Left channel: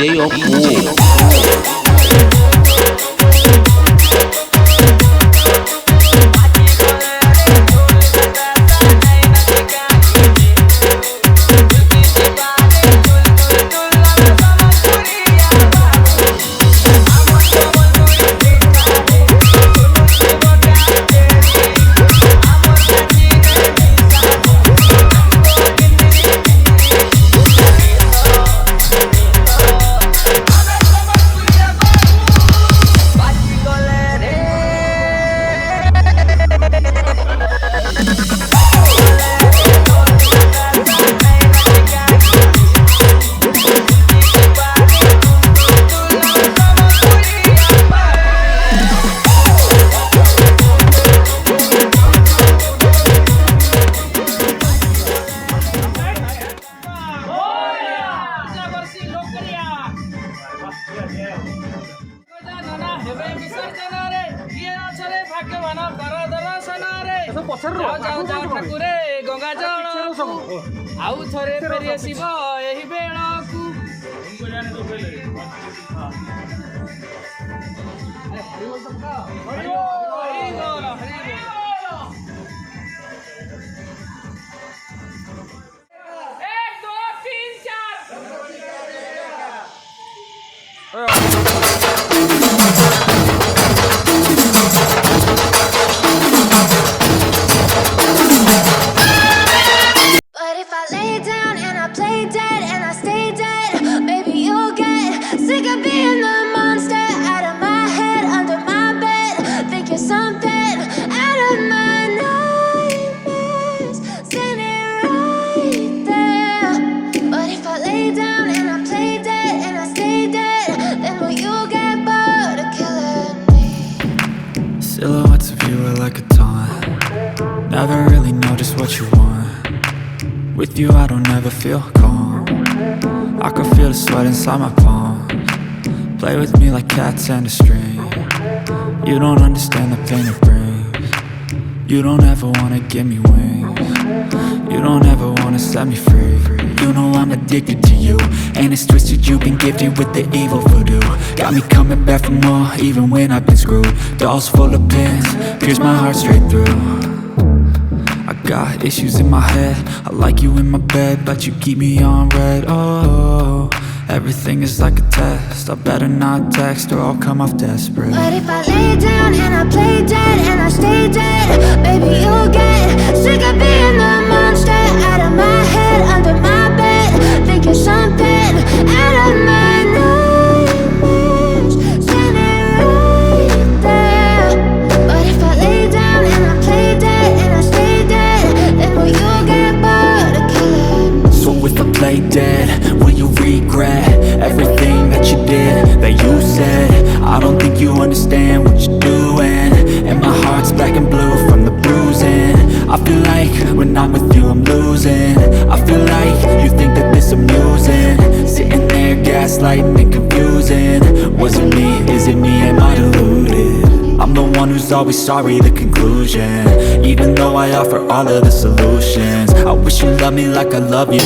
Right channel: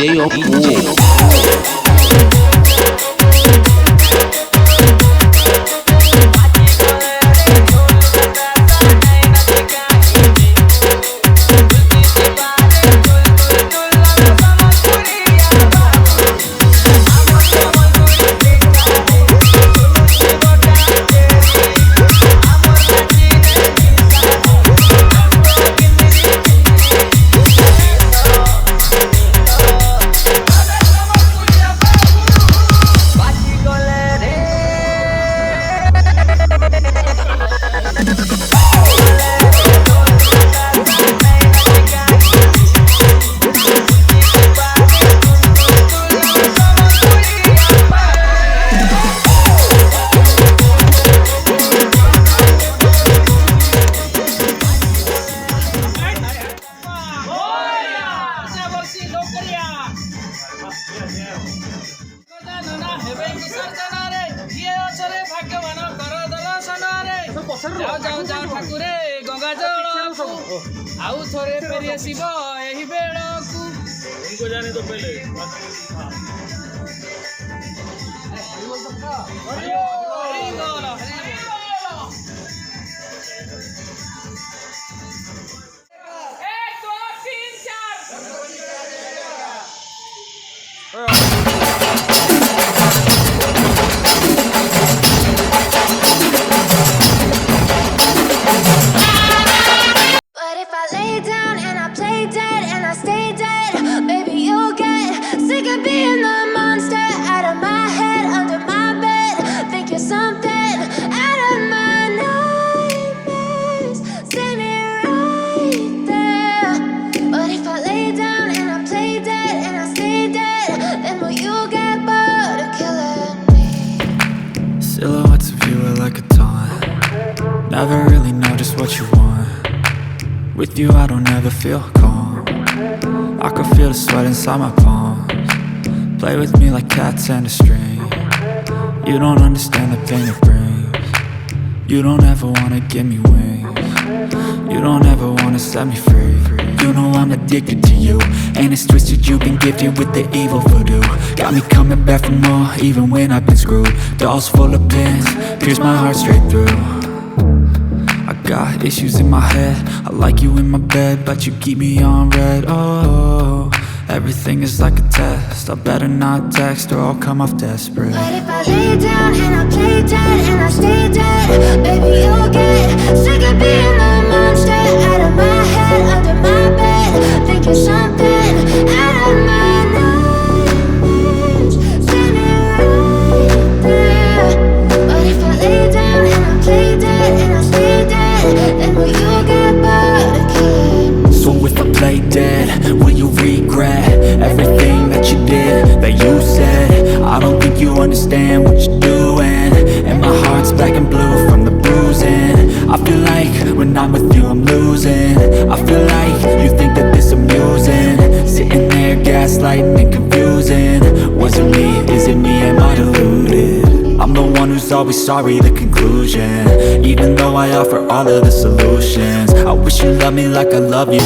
DJ of ଆଉ ଥରେ ଫେରି ଆସିବ ଏହି ବେଳକୁ। But if I lay down and I play dead and I stay dead, maybe you'll get sick of being the monster out of my head, under my bed. Think you're something out of my nightmares, standing right there. But if I lay down and I play dead and I stay dead, then will you get bored of killing me? Silhouettes of you are like a taunt. Never really know just what you want. With you I don't ever feel calm. I can feel the sweat inside my palms. Play with me like cats and a string. You don't understand the pain it brings. You don't ever wanna give me wings. You don't ever wanna set me free. You know I'm addicted to you, and it's twisted, you've been gifted with the evil voodoo. Got me coming back for more, even when I've been screwed. Dolls full of pins, pierce my heart straight through. I got issues in my head, I like you in my bed, but you keep me on red. Oh, everything is like a test, I better not text or I'll come off desperate. But if I lay down and I play dead and I stay dead, baby you'll get sick of being the monster out of my head, under my bed. Think you're something out of my nightmares, standing right there. But if I lay down and I play dead and I stay dead, then will you get bored of killing me? So if I play dead, will you regret everything that you did, that you said? I don't think you understand what you're doing, and my heart's black and blue from the bruising. I feel like when I'm with you I'm losing. I feel like you think that this amusing, sitting there gaslighting and confusing. Was it me? Is it me? Am I deluded? I'm the one who's always sorry, the conclusion. Even though I offer all of the solutions, I wish you loved me like I love you.